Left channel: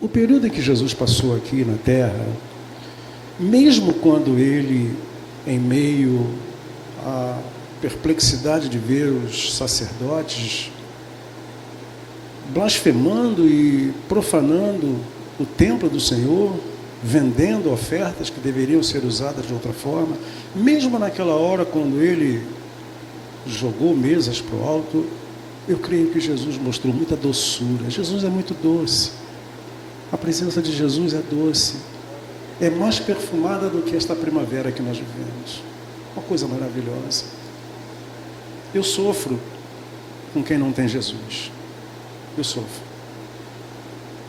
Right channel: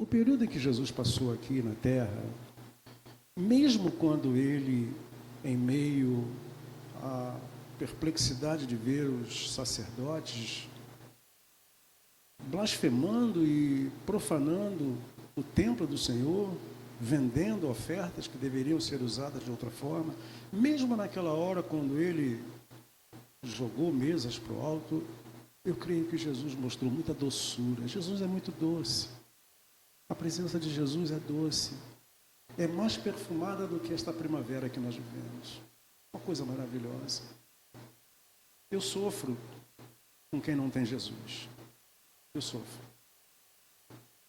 O período em que Jesus passou aqui na terra, mesmo quando ele, em meio à perplexidade de ver os sacerdotes blasfemando e profanando o templo do Senhor, vendendo ofertas que deveriam ser usadas de outra forma, mesmo naquela hora quando ele jogou mesas para o alto, eu creio que Jesus mostrou muita doçura. Jesus é muito doce. A presença de Jesus é doce. É mais perfumada do que esta primavera que nós vivemos. Uma coisa maravilhosa. Eu sofro com quem não tem Jesus. Eu sofro.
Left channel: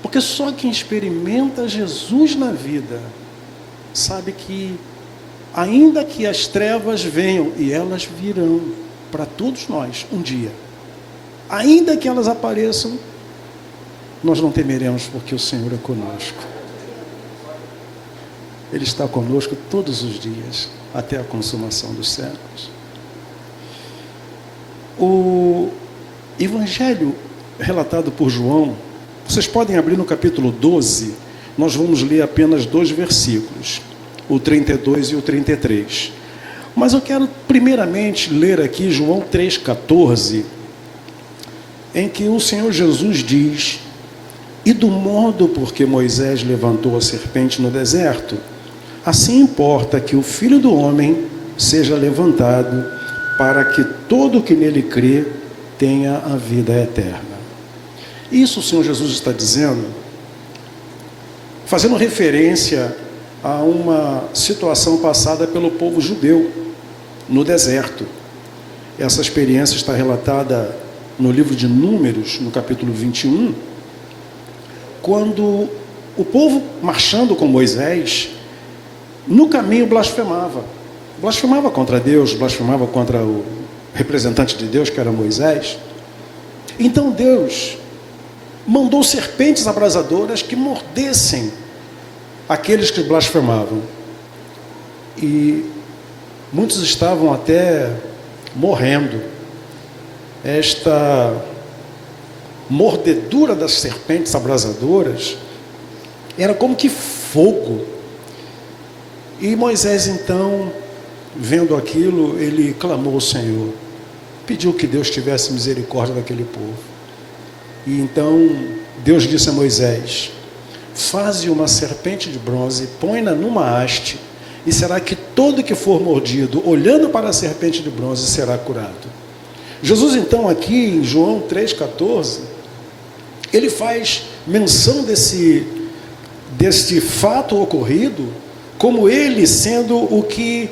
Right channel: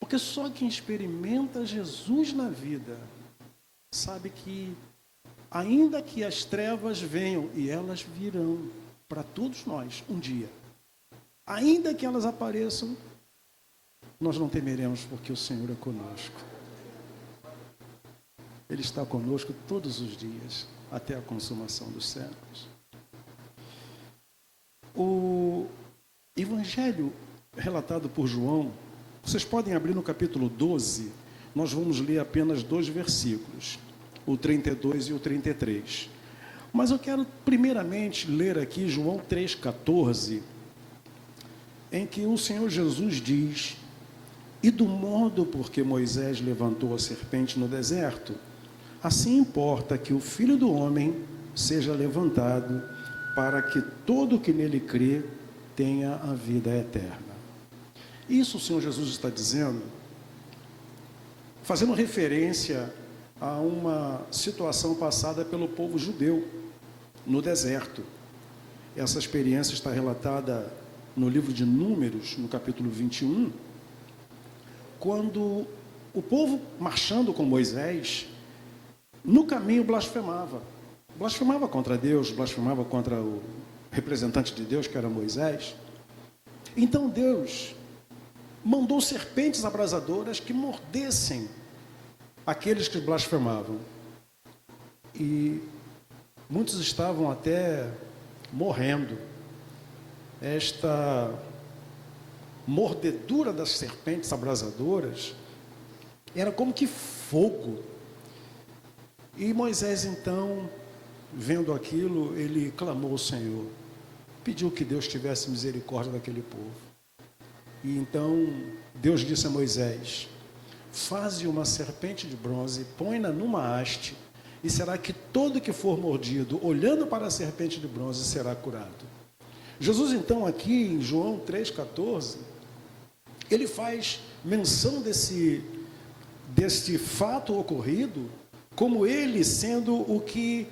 Porque só quem experimenta Jesus na vida sabe que, ainda que as trevas venham, e elas virão para todos nós um dia, ainda que elas apareçam, nós não temeremos, porque o Senhor é conosco. Ele está conosco todos os dias, até a consumação dos séculos. O Evangelho relatado por João, vocês podem abrir no capítulo 12, nós vamos ler apenas 2 versículos, o 32 e o 33. Mas eu quero primeiramente ler aqui João 3,14, em que o Senhor Jesus diz: e do modo por que Moisés levantou a serpente no deserto, assim importa que o Filho do Homem seja levantado, para que todo que nele crê tenha a vida eterna. Isso o Senhor Jesus está dizendo, fazendo referência a uma situação passada pelo povo judeu no deserto. Essa experiência está relatada no livro de Números, no capítulo 21, quando o povo, marchando com Moisés, no caminho blasfemava contra Deus, blasfemava contra o representante de Deus, que era Moisés. Então Deus mandou serpentes abrasadoras que mordessem aqueles que blasfemavam, e muitos estavam até morrendo. Esta mordedura das serpentes abrasadoras era como que fogo. E Moisés, então, vendo aquilo, ele clamou ao Senhor, pediu que Deus tivesse misericórdia daquele povo. E então Deus disse a Moisés: faze uma serpente de bronze, põe-na numa haste, e será que todo que for mordido, olhando para a serpente de bronze, será curado. Jesus, então, aqui em João 3,14, ele faz menção desse fato ocorrido, como ele sendo o que,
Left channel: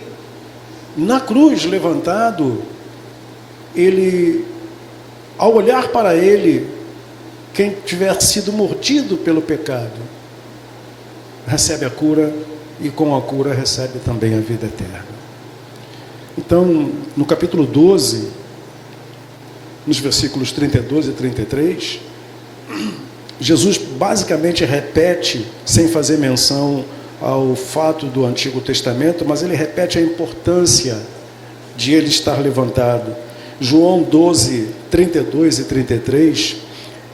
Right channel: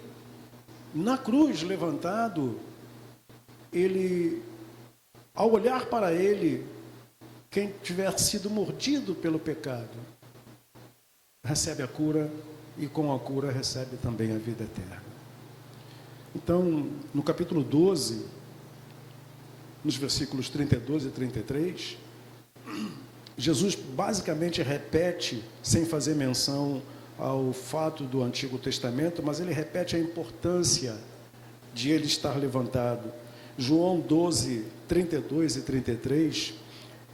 na cruz levantado, ele, ao olhar para ele, quem tiver sido mordido pelo pecado, recebe a cura, e com a cura recebe também a vida eterna. Então, no capítulo 12, nos versículos 32 e 33, Jesus basicamente repete, sem fazer menção ao fato do Antigo Testamento, mas ele repete a importância de ele estar levantado. João 12, 32 e 33,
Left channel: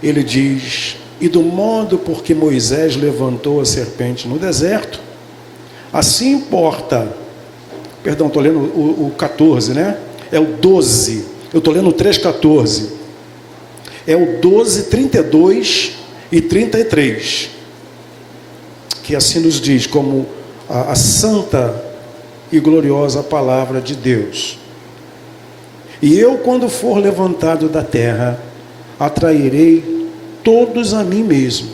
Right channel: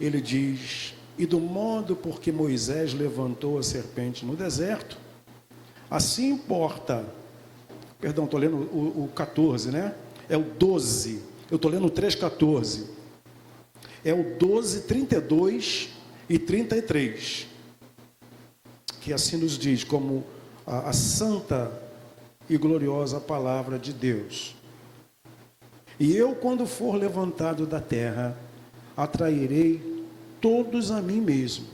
ele diz: e do modo por que Moisés levantou a serpente no deserto, assim importa, perdão, estou lendo o 14, né? É o 12, eu estou lendo o 3,14, é o 12, 32 e 33, que assim nos diz, como a santa e gloriosa palavra de Deus: e eu, quando for levantado da terra, atrairei todos a mim mesmo.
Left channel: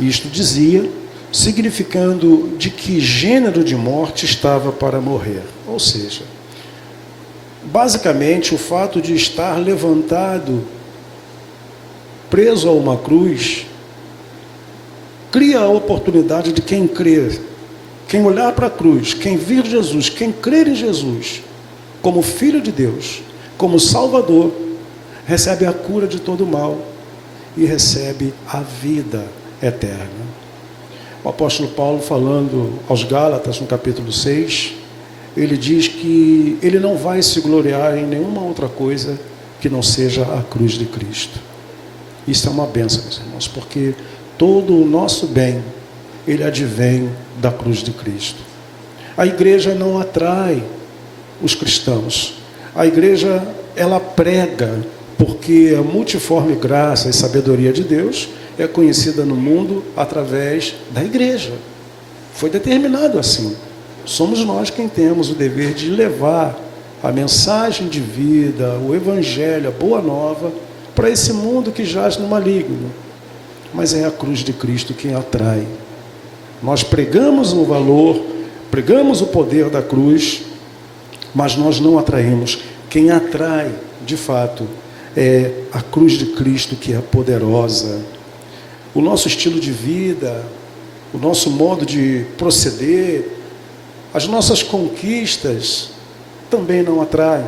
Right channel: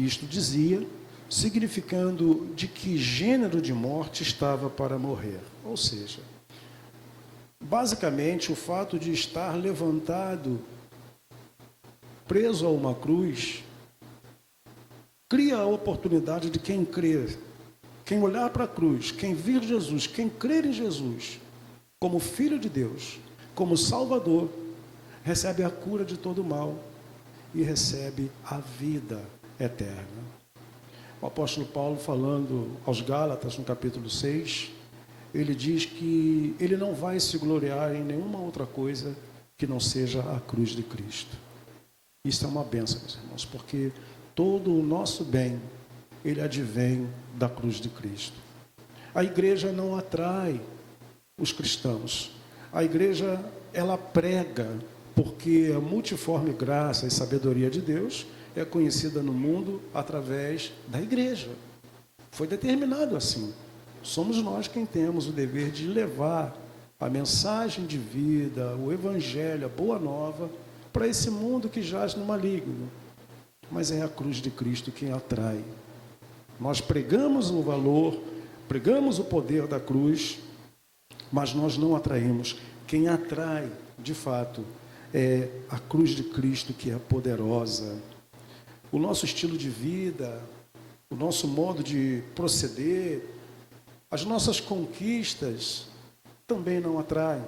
Isto dizia, significando de que gênero de morte estava para morrer. Ou seja, basicamente o fato de estar levantado, preso a uma cruz, cria a oportunidade de quem crer, quem olhar para a cruz, quem vir Jesus, quem crer em Jesus como Filho de Deus, como Salvador, recebe a cura de todo o mal e recebe a vida eterna. O apóstolo Paulo, falando aos Gálatas, no capítulo 6, ele diz que ele não vai se gloriar em nenhuma outra coisa que não seja a cruz de Cristo. Isso é uma bênção, meus irmãos, porque todo o nosso bem, ele advém da cruz de Cristo. A igreja não atrai os cristãos. A igreja, ela prega, porque a multiforme graça e sabedoria de Deus é conhecida no mundo através da igreja. Foi determinado assim. Somos nós quem temos o dever de levar a mensagem de vida, o evangelho, a boa nova, para esse mundo que jaz no maligno. Mas é a cruz de Cristo quem atrai. Nós pregamos o valor, pregamos o poder da cruz, mas nós não atraímos. Quem atrai, de fato, é a cruz de Cristo, que é poderosa. O nosso estilo de vida, o nosso modo de proceder, as nossas conquistas também não atraem.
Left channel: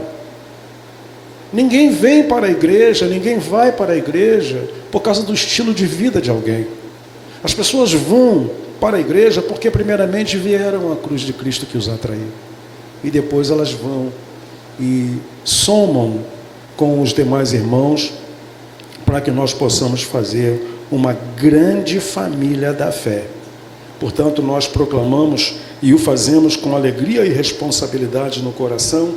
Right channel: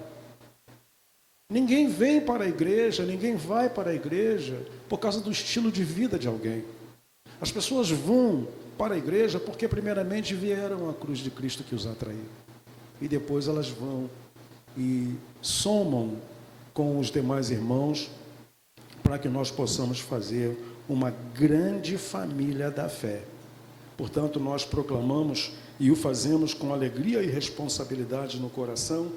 Ninguém vem para a igreja, ninguém vai para a igreja por causa do estilo de vida de alguém. As pessoas vão para a igreja porque primeiramente vieram à cruz de Cristo que os atraiu. E depois elas vão e somam com os demais irmãos para que nós possamos fazer uma grande família da fé. Portanto, nós proclamamos e o fazemos com alegria e responsabilidade no coração,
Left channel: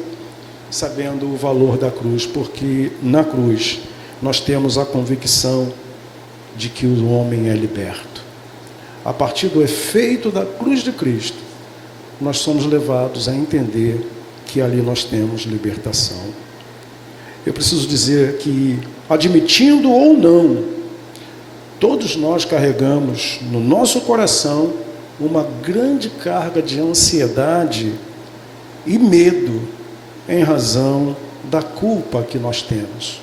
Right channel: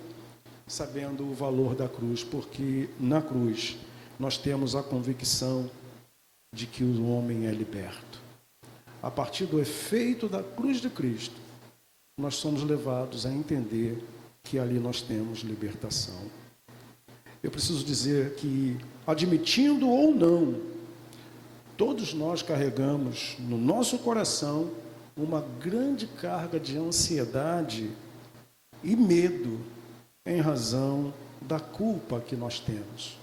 sabendo o valor da cruz, porque na cruz nós temos a convicção de que o homem é liberto. A partir do efeito da cruz de Cristo, nós somos levados a entender que ali nós temos libertação. Eu preciso dizer que, admitindo ou não, todos nós carregamos no nosso coração uma grande carga de ansiedade e medo em razão da culpa que nós temos.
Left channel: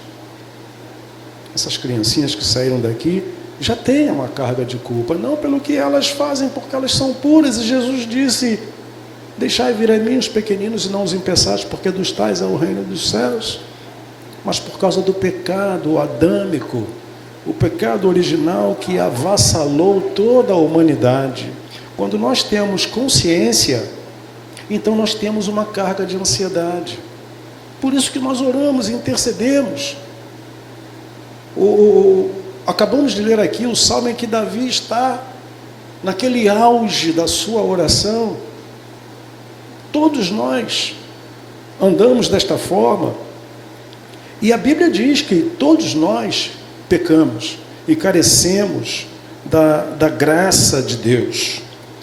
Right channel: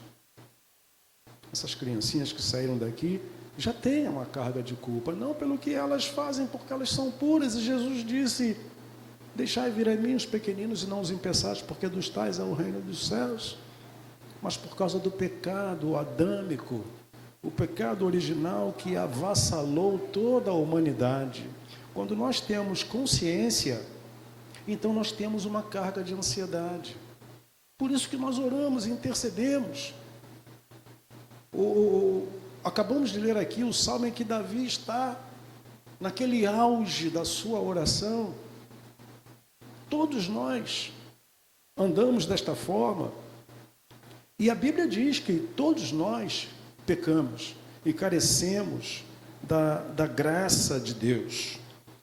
Essas criancinhas que saíram daqui já têm uma carga de culpa, não pelo que elas fazem, porque elas são puras, e Jesus disse: deixai vir a mim os pequeninos e não os impeçais, porque dos tais é o reino dos céus. Mas por causa do pecado adâmico, o pecado original que avassalou toda a humanidade. Quando nós temos consciência, então nós temos uma carga de ansiedade. Por isso que nós oramos e intercedemos. Acabamos de ler aqui o salmo em que Davi está naquele auge da sua oração. Todos nós andamos desta forma. E a Bíblia diz que todos nós pecamos e carecemos da graça de Deus.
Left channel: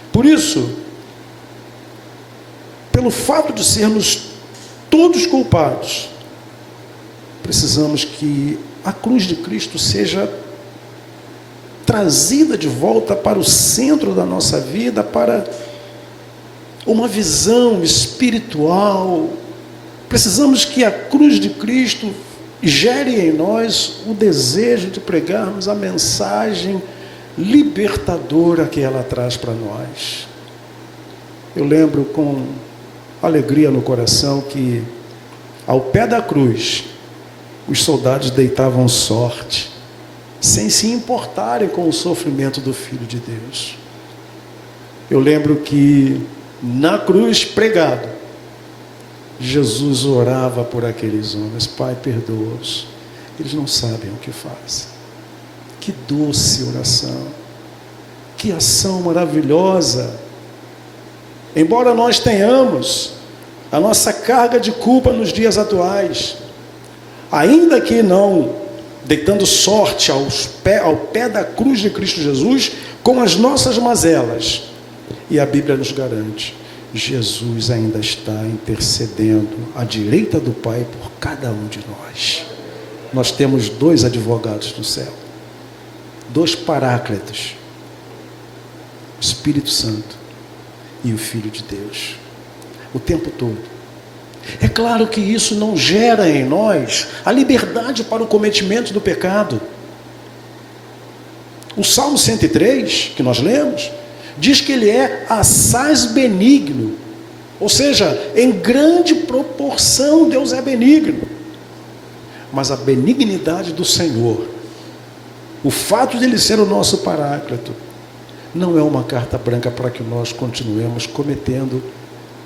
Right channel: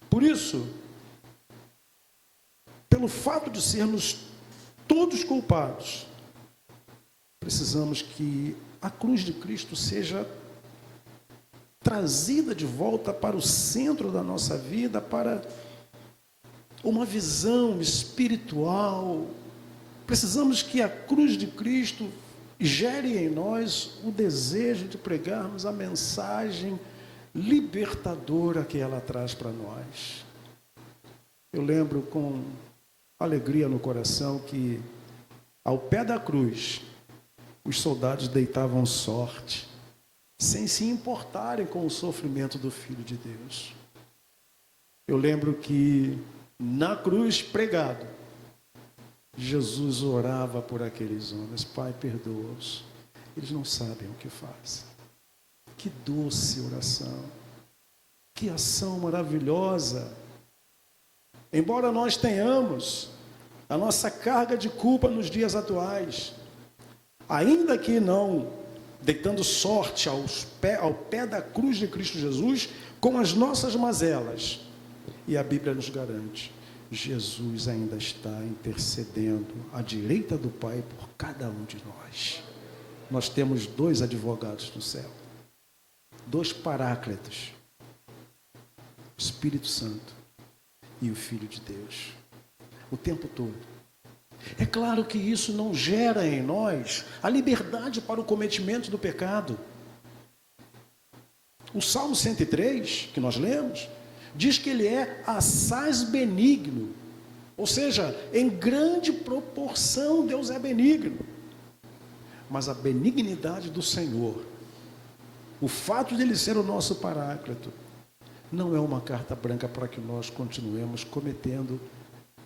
Por isso, pelo fato de sermos todos culpados, precisamos que a cruz de Cristo seja trazida de volta para o centro da nossa vida, para uma visão espiritual. Precisamos que a cruz de Cristo gere em nós o desejo de pregarmos a mensagem libertadora que ela traz para nós. Eu lembro com alegria no coração que ao pé da cruz os soldados deitavam sorte, sem se importarem com o sofrimento do Filho de Deus. Eu lembro que na cruz pregado, Jesus orava por aqueles homens: Pai, perdoa-os, eles não sabem o que fazem. Que doce oração, que ação maravilhosa. Embora nós tenhamos a nossa carga de culpa nos dias atuais, ainda que não deitando sorte ao pé da cruz de Cristo Jesus, com as nossas mazelas, e a Bíblia nos garante, Jesus ainda está intercedendo à direita do Pai por cada um de nós. Nós temos 2 advogados no céu, 2 paráclitos, o Espírito Santo e o Filho de Deus, o tempo todo. É claro que isso não gera em nós a liberdade para o cometimento do pecado. O Salmo 103, que nós lemos, diz que ele é assaz benigno, ou seja, em grande proporção Deus é benigno. Mas a benignidade do Senhor, o fato de ele ser o nosso paráclito, não é uma carta branca para que nós continuemos cometendo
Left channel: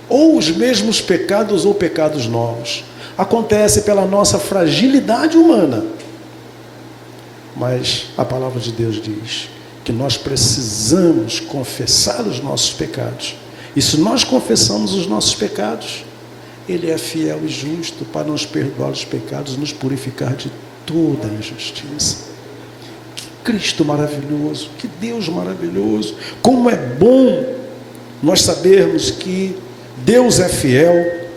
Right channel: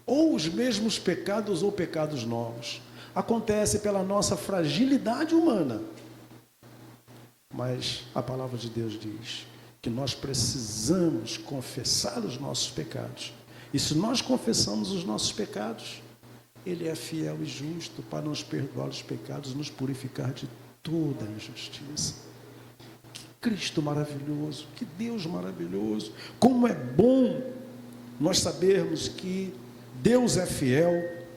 ou os mesmos pecados ou pecados novos. Acontece pela nossa fragilidade humana, mas a palavra de Deus diz que nós precisamos confessar os nossos pecados. E se nós confessamos os nossos pecados, Ele é fiel e justo para nos perdoar os pecados e nos purificar de toda injustiça. Que Cristo maravilhoso, que Deus maravilhoso. Como é bom nós sabermos que Deus é fiel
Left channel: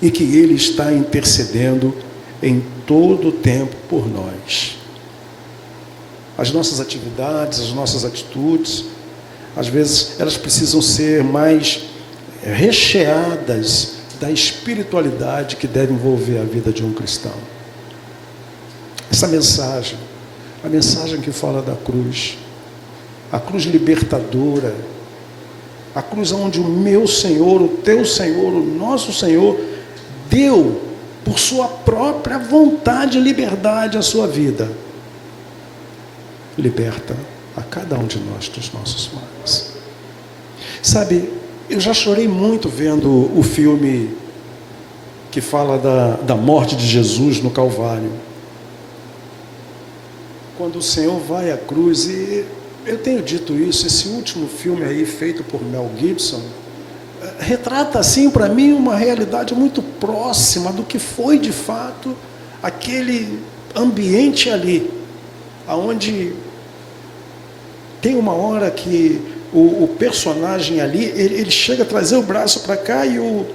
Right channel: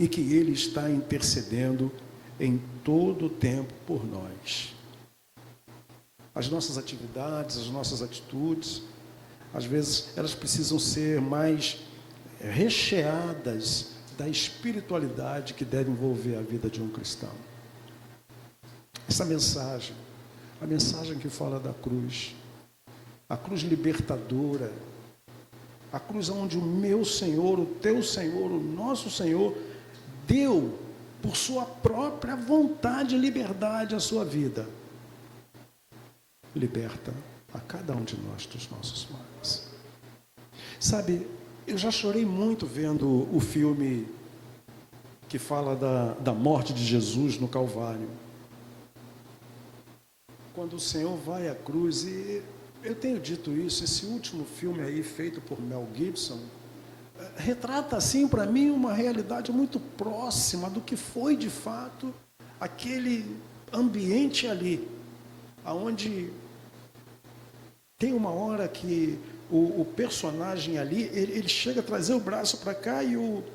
e que Ele está intercedendo em todo o tempo por nós. As nossas atividades, as nossas atitudes, às vezes elas precisam ser mais recheadas da espiritualidade que deve envolver a vida de um cristão. Essa mensagem, a mensagem que fala da cruz, a cruz libertadora, a cruz onde o meu Senhor, o teu Senhor, o nosso Senhor, deu por sua própria vontade e liberdade a sua vida. Liberta a cada um de nós dos nossos males. Sabe, eu já chorei muito vendo o filme que fala da morte de Jesus no Calvário. Quando o Senhor vai à cruz, e eu tenho dito isso, esse último filme aí feito por Mel Gibson, retrata assim para mim uma realidade muito próxima do que foi de fato aquele ambiente ali, aonde tem uma hora que o personagem ali, ele chega a trazer o braço para cá e o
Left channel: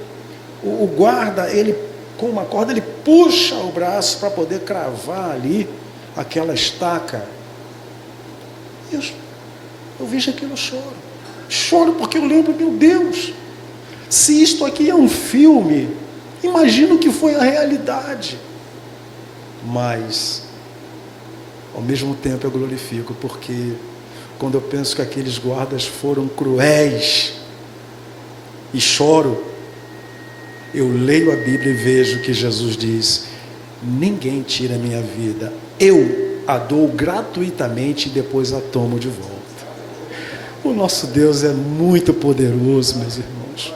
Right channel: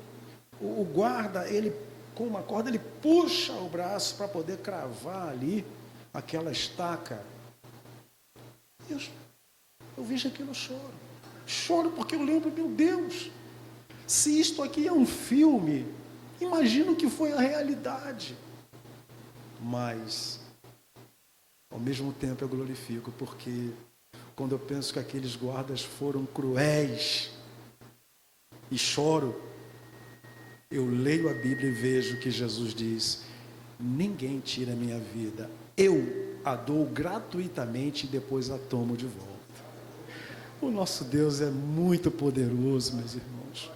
guarda, ele com uma corda, ele puxa o braço para poder cravar ali aquela estaca. Eu vejo aquilo, choro porque eu lembro, meu Deus, se isto aqui é um filme, imagino que foi a realidade. Mas ao mesmo tempo eu glorifico, porque quando eu penso que aqueles guardas foram cruéis e choro, eu leio a Bíblia e vejo que Jesus diz: ninguém tira a minha vida, eu a dou gratuitamente e depois a tomo de volta. O nosso Deus é muito poderoso, meus irmãos.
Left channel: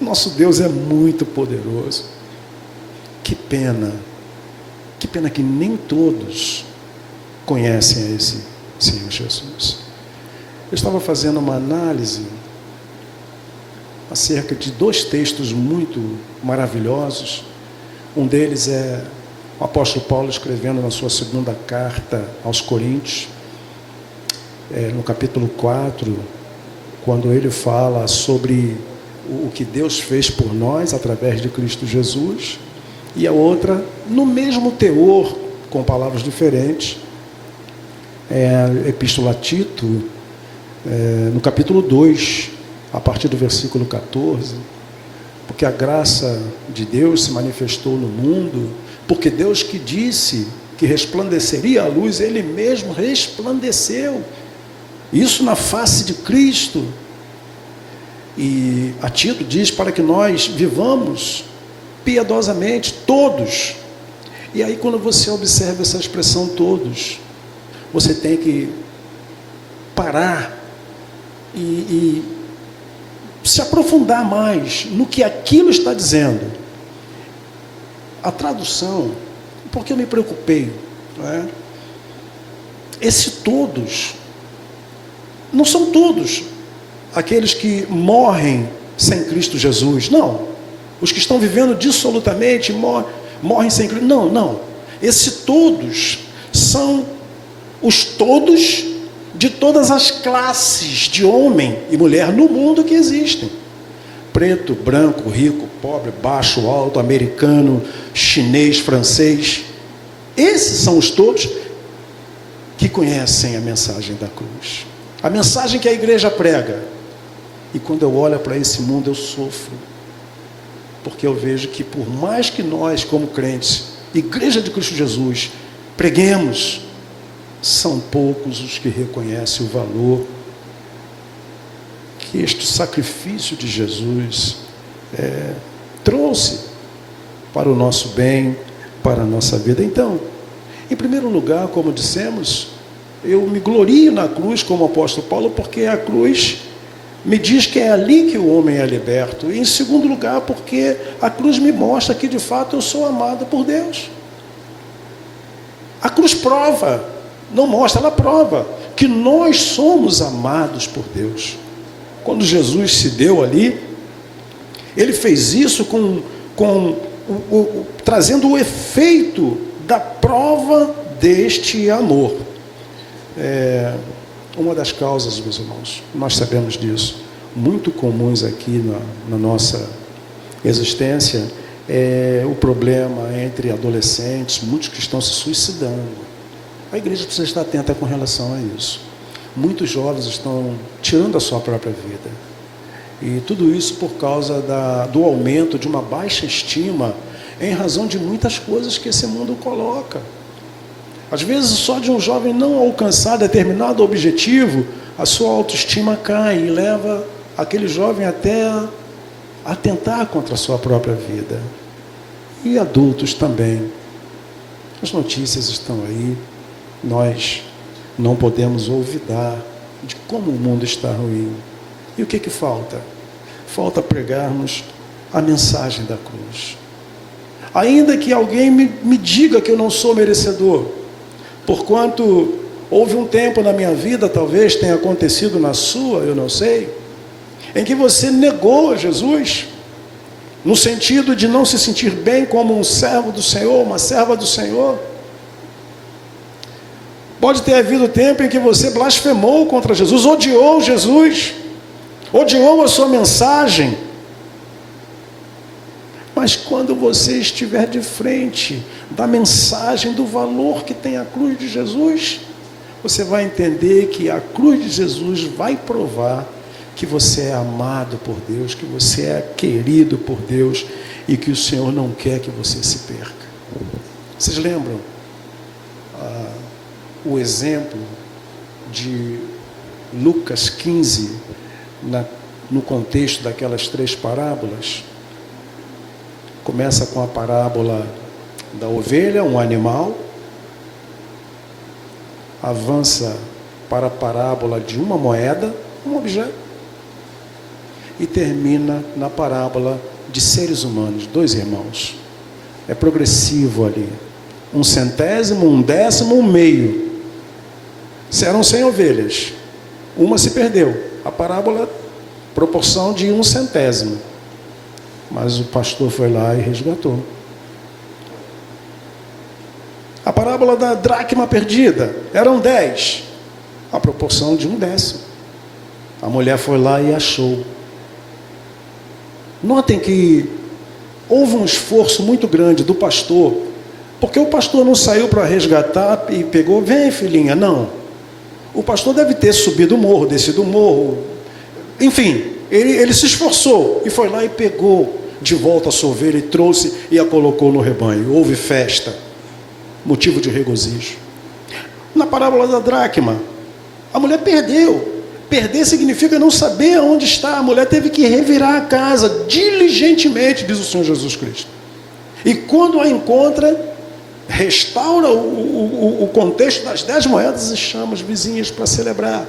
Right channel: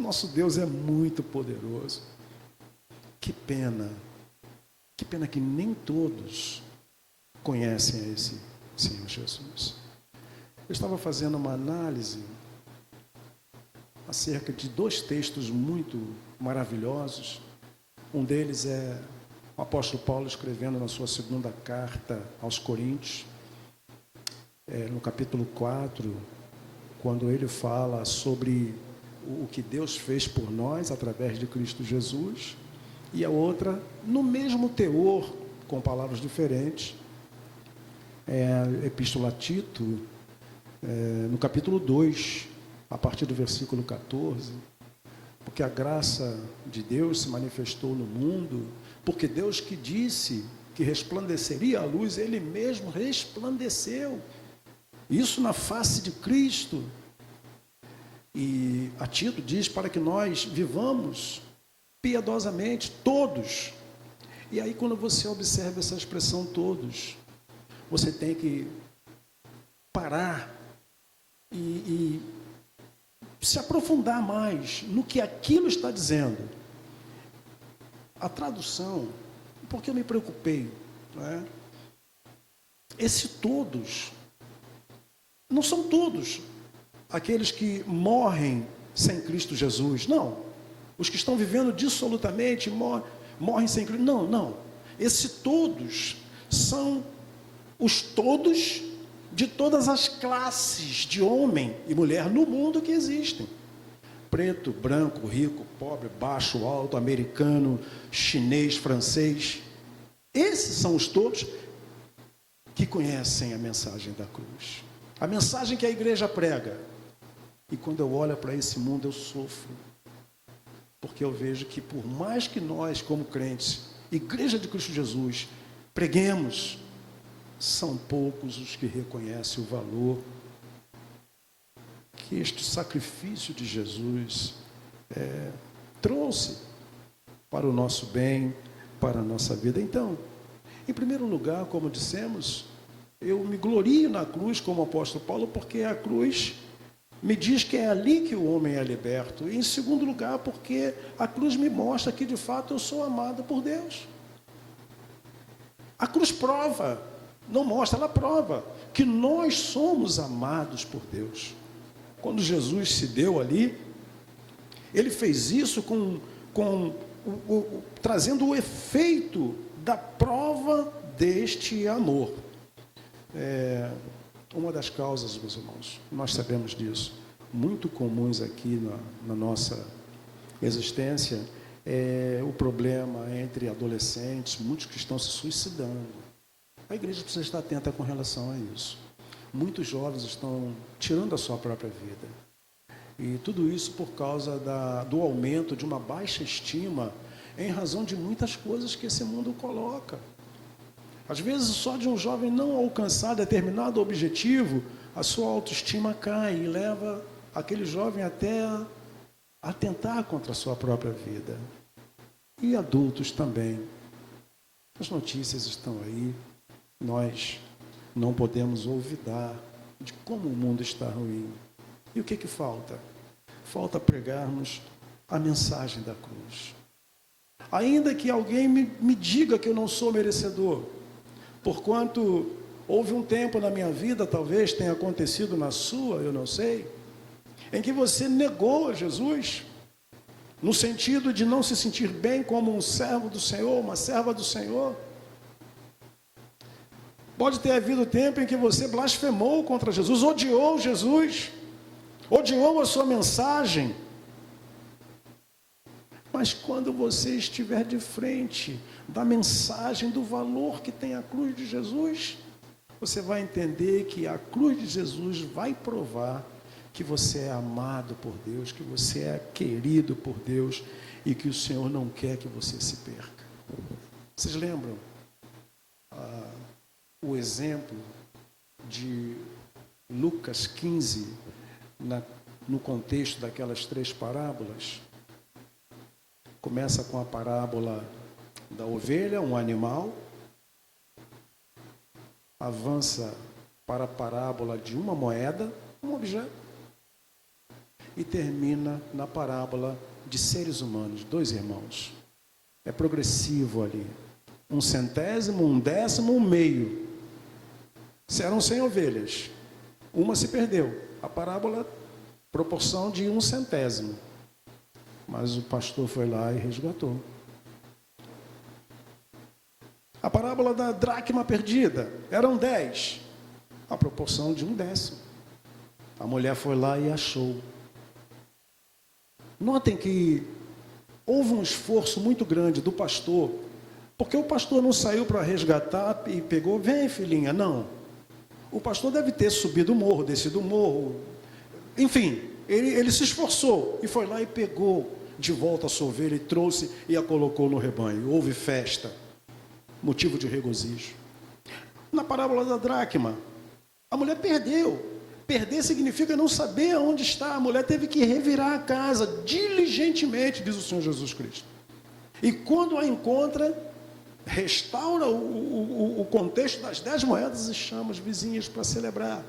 O nosso Deus é muito poderoso. Que pena que nem todos conhecem a esse Senhor Jesus. Eu estava fazendo uma análise acerca de dois textos muito maravilhosos. Um deles é o apóstolo Paulo escrevendo na sua segunda carta aos Coríntios, no capítulo 4, quando ele fala sobre o que Deus fez por nós através de Cristo Jesus. E a outra, no mesmo teor, com palavras diferentes, é a Epístola a Tito, no capítulo 2, a partir do versículo 14, porque a graça de Deus se manifestou no mundo, porque Deus que disse que resplandeceria a luz, Ele mesmo resplandeceu, isso na face de Cristo. E a Tito diz para que nós vivamos piedosamente, todos. E aí quando você observa essa expressão todos, você tem que parar e se aprofundar mais no que aquilo está dizendo. A tradução, porque eu me preocupei, não é? Esse todos, não são todos aqueles que morrem sem Cristo Jesus, não. Os que estão vivendo dissolutamente, morrem sem Cristo, não. Esse todos são os todos de todas as classes de homem e mulher no mundo que existem. Preto, branco, rico, pobre, baixo, alto, americano, chinês, francês. Esses são os todos que conhecem a mensagem da cruz. A mensagem que a igreja prega. E quando eu olho para esse mundo eu sofro. Porque eu vejo que por mais que nós como crentes, Igreja de Cristo Jesus, preguemos, são poucos os que reconhecem o valor que este sacrifício de Jesus trouxe para o nosso bem, para a nossa vida. Então, em primeiro lugar, como dissemos, eu me glorio na cruz como o apóstolo Paulo, porque a cruz me diz que é ali que o homem é liberto. E em segundo lugar, porque a cruz me mostra que de fato eu sou amado por Deus. A cruz prova Não mostra, ela prova que nós somos amados por Deus. Quando Jesus se deu ali, ele fez isso trazendo o efeito da prova deste amor. Uma das causas, meus irmãos, nós sabemos disso, muito comuns aqui na nossa existência, é o problema entre adolescentes, muitos que estão se suicidando. A igreja precisa estar atenta com relação a isso. Muitos jovens estão tirando a sua própria vida. E tudo isso por causa do aumento de uma baixa estima em razão de muitas coisas que esse mundo coloca. Às vezes, só de um jovem não alcançar determinado objetivo, a sua autoestima cai e leva aquele jovem até a atentar contra a sua própria vida. E adultos também. As notícias estão aí. Nós não podemos olvidar de como o mundo está ruim. E o que falta? Falta pregarmos a mensagem da cruz. Ainda que alguém me diga que eu não sou merecedor, porquanto houve um tempo na minha vida, talvez tenha acontecido na sua, eu não sei, em que você negou Jesus, no sentido de não se sentir bem como um servo do Senhor, uma serva do Senhor. Pode ter havido tempo em que você blasfemou contra Jesus, odiou Jesus, odiou a sua mensagem. Mas quando você estiver de frente da mensagem, do valor que tem a cruz de Jesus, você vai entender que a cruz de Jesus vai provar que você é amado por Deus, que você é querido por Deus e que o Senhor não quer que você se perca. Vocês lembram o exemplo de Lucas 15, no contexto daquelas 3 parábolas? Começa com a parábola da ovelha, um animal, avança para a parábola de uma moeda, um objeto, e termina na parábola de seres humanos, 2 irmãos. É progressivo ali. 1 centésimo, 1 décimo, 1 meio. Eram 100 ovelhas. Uma se perdeu. A parábola, proporção de 1 centésimo. Mas o pastor foi lá e resgatou. A parábola da dracma perdida. Eram 10. A proporção de 1 décimo. A mulher foi lá e achou. Notem que houve um esforço muito grande do pastor, porque o pastor não saiu para resgatar e pegou, vem filhinha, não. O pastor deve ter subido o morro, descido o morro, enfim, ele se esforçou e foi lá e pegou de volta a sua ovelha e trouxe e a colocou no rebanho. Houve festa, motivo de regozijo. Na parábola da dracma, a mulher perdeu. Perder significa não saber onde está. A mulher teve que revirar a casa diligentemente, diz o Senhor Jesus Cristo. E quando a encontra, restaura o contexto das 10 moedas e chama os vizinhos para celebrar.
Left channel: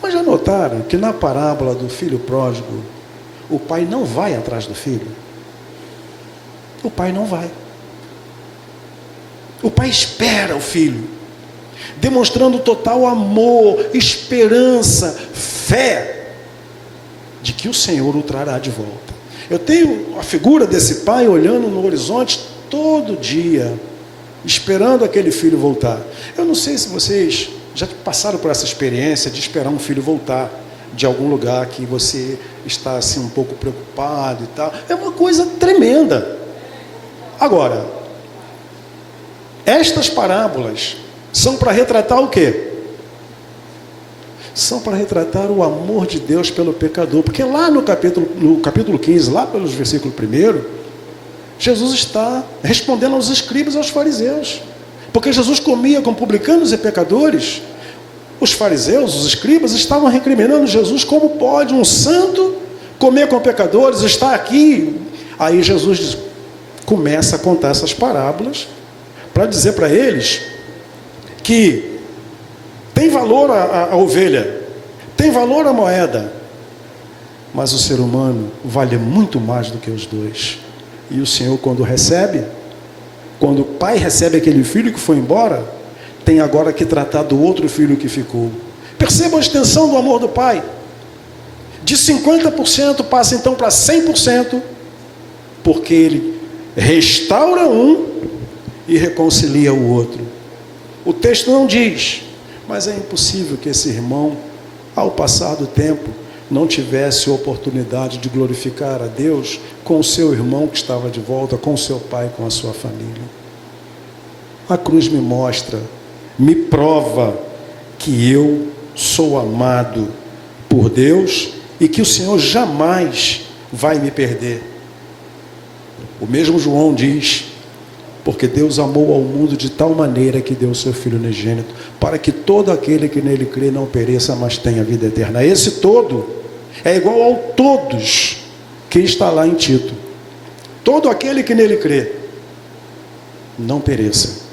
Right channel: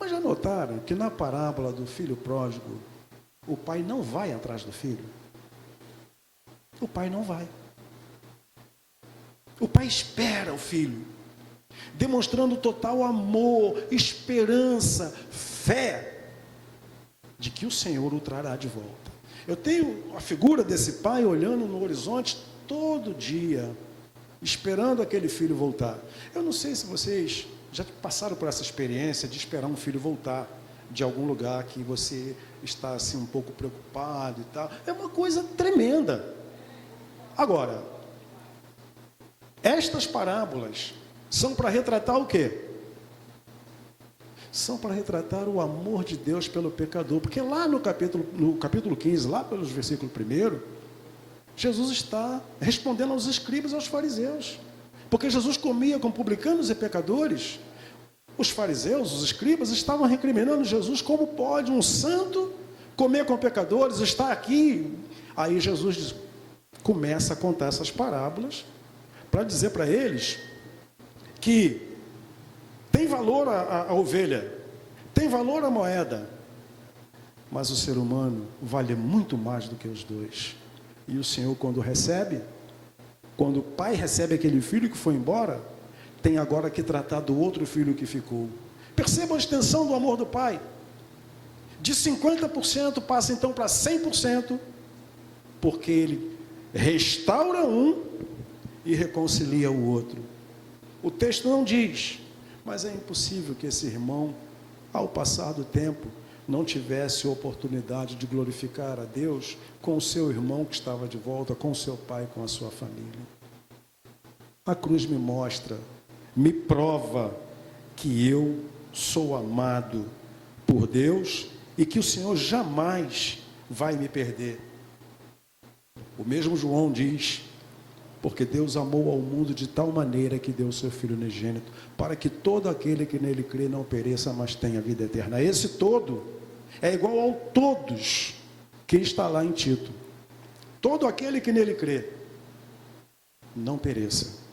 Mas já notaram que na parábola do filho pródigo, o pai não vai atrás do filho? O pai não vai. O pai espera o filho, demonstrando total amor, esperança, fé de que o Senhor o trará de volta. Eu tenho a figura desse pai olhando no horizonte todo dia, esperando aquele filho voltar. Eu não sei se vocês já passaram por essa experiência de esperar um filho voltar de algum lugar que você está assim um pouco preocupado e tal. É uma coisa tremenda. Agora, estas parábolas são para retratar o quê? São para retratar o amor de Deus pelo pecador. Porque lá no capítulo 15, lá pelos versículos 1, Jesus está respondendo aos escribas e aos fariseus. Porque Jesus comia com publicanos e pecadores. Os fariseus, os escribas, estavam recriminando Jesus. Como pode um santo comer com pecadores, estar aqui? Aí Jesus começa a contar essas parábolas para dizer para eles que tem valor a ovelha, tem valor a moeda, mas o ser humano vale muito mais do que os dois. E o Senhor, quando o pai recebe aquele filho que foi embora, tem agora que tratar do outro filho que ficou. Percebam a extensão do amor do pai. De 50% passa então para 100%, porque ele restaura um e reconcilia o outro. O texto não diz, mas é impossível que esse irmão, ao passar do tempo, não tivesse oportunidade de glorificar a Deus com o seu irmão que estava de volta, com o seu pai, com a sua família. A cruz me mostra, me prova que eu sou amado por Deus e que o Senhor jamais vai me perder. O mesmo João diz, porque Deus amou ao mundo de tal maneira que deu o seu Filho unigênito, para que todo aquele que nele crê não pereça, mas tenha vida eterna. Esse todo é igual ao todos que está lá em Tito. Todo aquele que nele crê não pereça,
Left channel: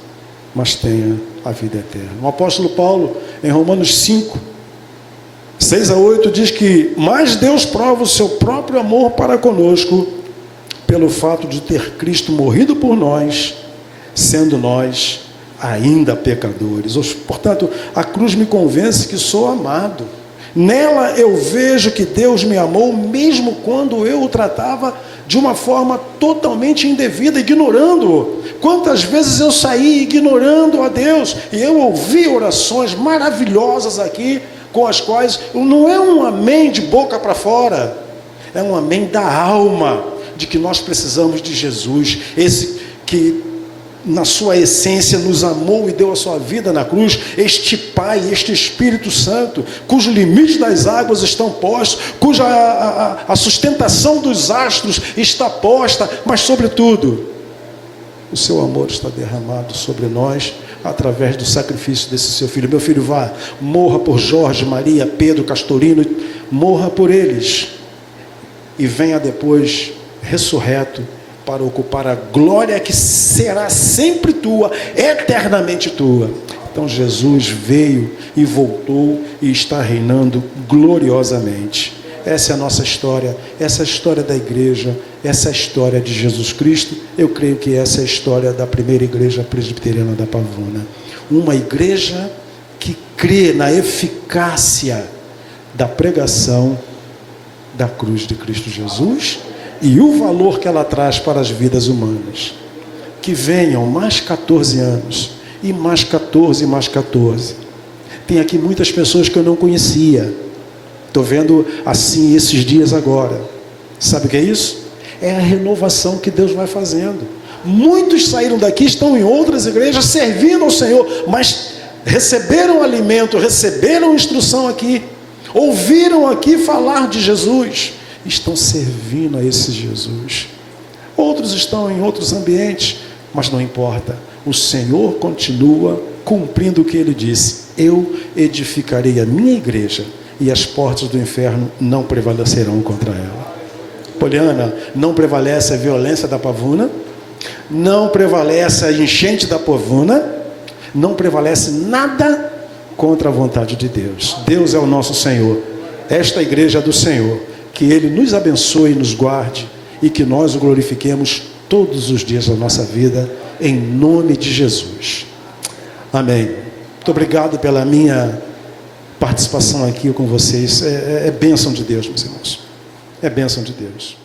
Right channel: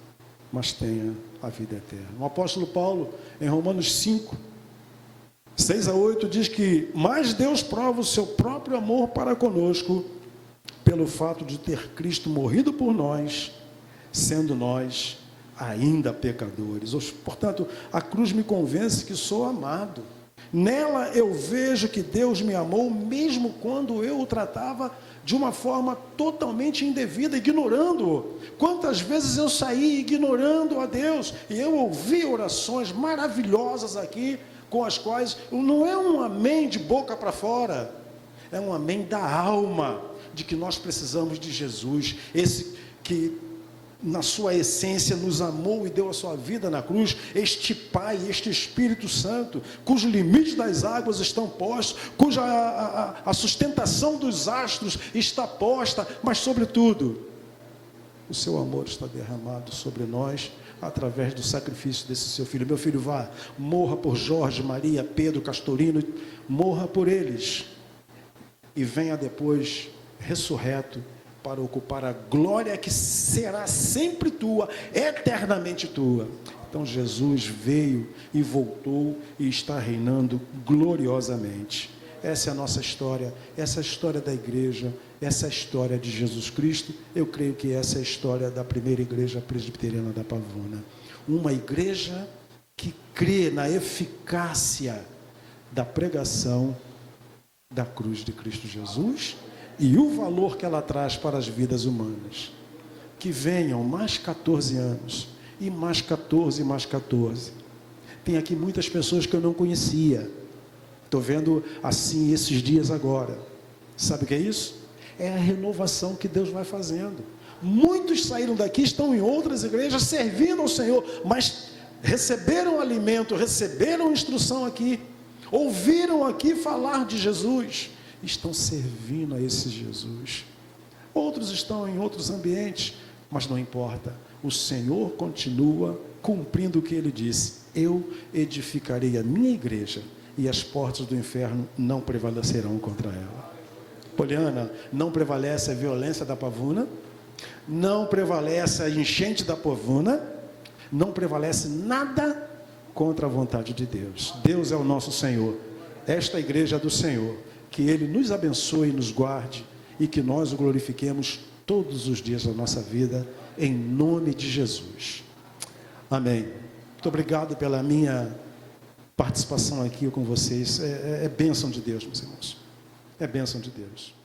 mas tenha a vida eterna. O apóstolo Paulo, em Romanos 5, 6-8, diz que mas Deus prova o seu próprio amor para conosco, pelo fato de ter Cristo morrido por nós, sendo nós ainda pecadores. Portanto, a cruz me convence que sou amado. Nela eu vejo que Deus me amou, mesmo quando eu o tratava de uma forma totalmente indevida, ignorando-o. Quantas vezes eu saí ignorando a Deus, e eu ouvi orações maravilhosas aqui, com as quais não é um amém de boca para fora, é um amém da alma, de que nós precisamos de Jesus, esse que na sua essência nos amou e deu a sua vida na cruz, este Pai, este Espírito Santo, cujo limite das águas estão postos, cuja a sustentação dos astros está posta, mas sobretudo, o seu amor está derramado sobre nós, através do sacrifício desse seu Filho. Meu filho, vá, morra por Jorge, Maria, Pedro, Castorino, morra por eles, e venha depois ressurreto, para ocupar a glória que será sempre tua, eternamente tua. Então Jesus veio e voltou e está reinando gloriosamente. Essa é a nossa história, essa é a história da igreja, essa é a história de Jesus Cristo. Eu creio que essa é a história da primeira igreja presbiteriana da Pavuna. Uma igreja que crê na eficácia da pregação da cruz de Cristo Jesus e o valor que ela traz para as vidas humanas. Que venham mais 14 anos, e mais 14, e mais 14. Tem aqui muitas pessoas que eu não conhecia. Estou vendo assim esses dias agora. Sabe o que é isso? É a renovação que Deus vai fazendo. Muitos saíram daqui, estão em outras igrejas, servindo ao Senhor, mas receberam alimento, receberam instrução aqui, ouviram aqui falar de Jesus, estão servindo a esse Jesus. Outros estão em outros ambientes, mas não importa, o Senhor continua cumprindo o que Ele disse: eu edificarei a minha igreja e as portas do inferno não prevalecerão contra ela. Poliana, não prevalece a violência da Pavuna, não prevalece a enchente da Pavuna, não prevalece nada contra a vontade de Deus. Deus é o nosso Senhor, esta igreja é do Senhor. Que Ele nos abençoe e nos guarde, e que nós o glorifiquemos todos os dias da nossa vida, em nome de Jesus. Amém. Muito obrigado pela minha participação aqui com vocês. É bênção de Deus, meus irmãos. É bênção de Deus.